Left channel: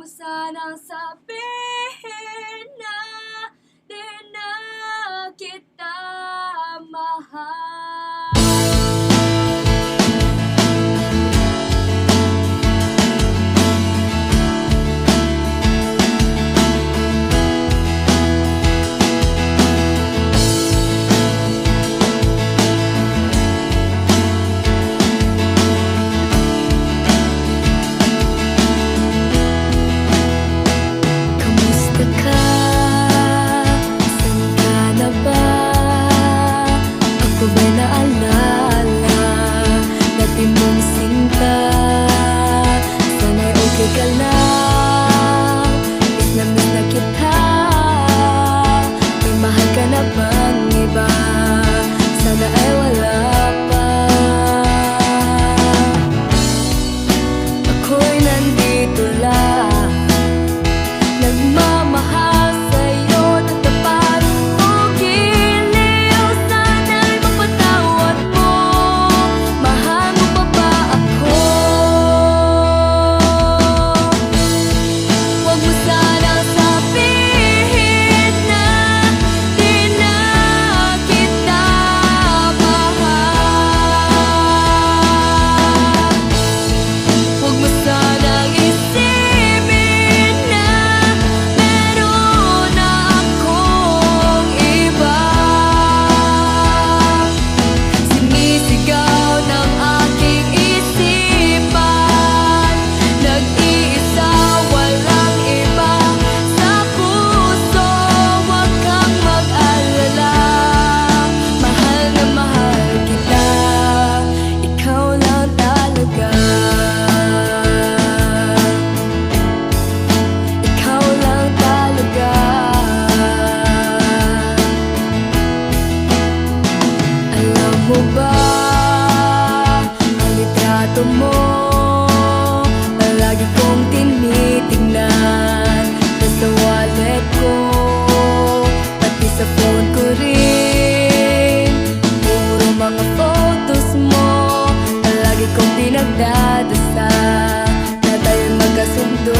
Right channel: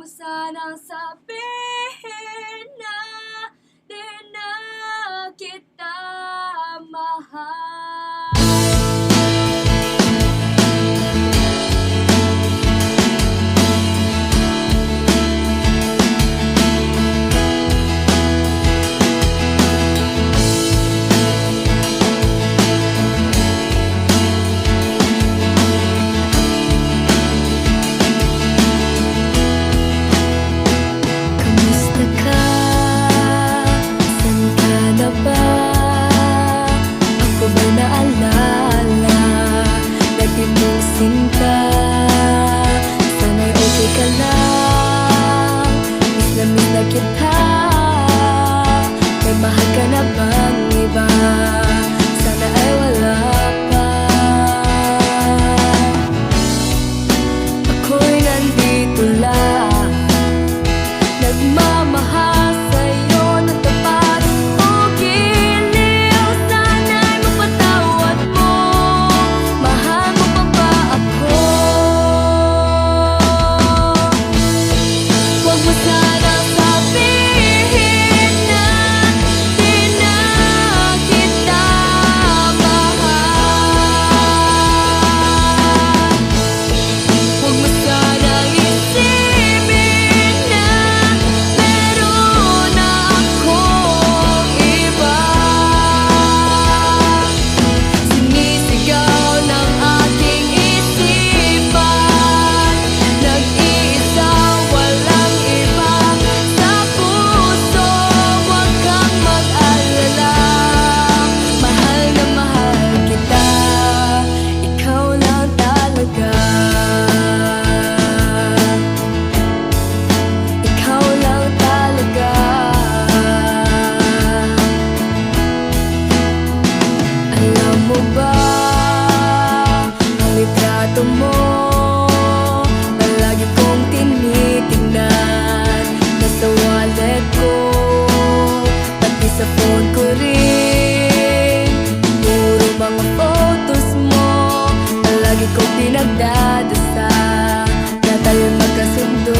mo sanang sabihin na di na kita mahal. Kamusta ka? San ka na ba? Ako ba'y naalala dati mong sinta? Sana'y okay ka lang, miss na kita. May mahal ka na bang iba? Sana ay wala pa. Ako'y nandito lang, nagmamahal sa'yo ng tapat o giliw. Sana'y mapatawad mo. Mahal mo pa ba ako? Huwag mo sanang sabihin na di na kita mahal. Huwag mo sanang isipin na meron na akong iba. Sinisigaw ng aking isipan, nag-iisa, walang iba sa puso. Huwag kang mag-alala, mahal na mahal kita. Ikaw lang talaga. Ikaw lang talaga. Alam mo ba, ang litrato mo palagi kong tinitingnan. Nasa wallet ko, pati sa phone ko rin. Puro mga photos mo, palagi kong pinagdadasal na tayo'y magkasundo.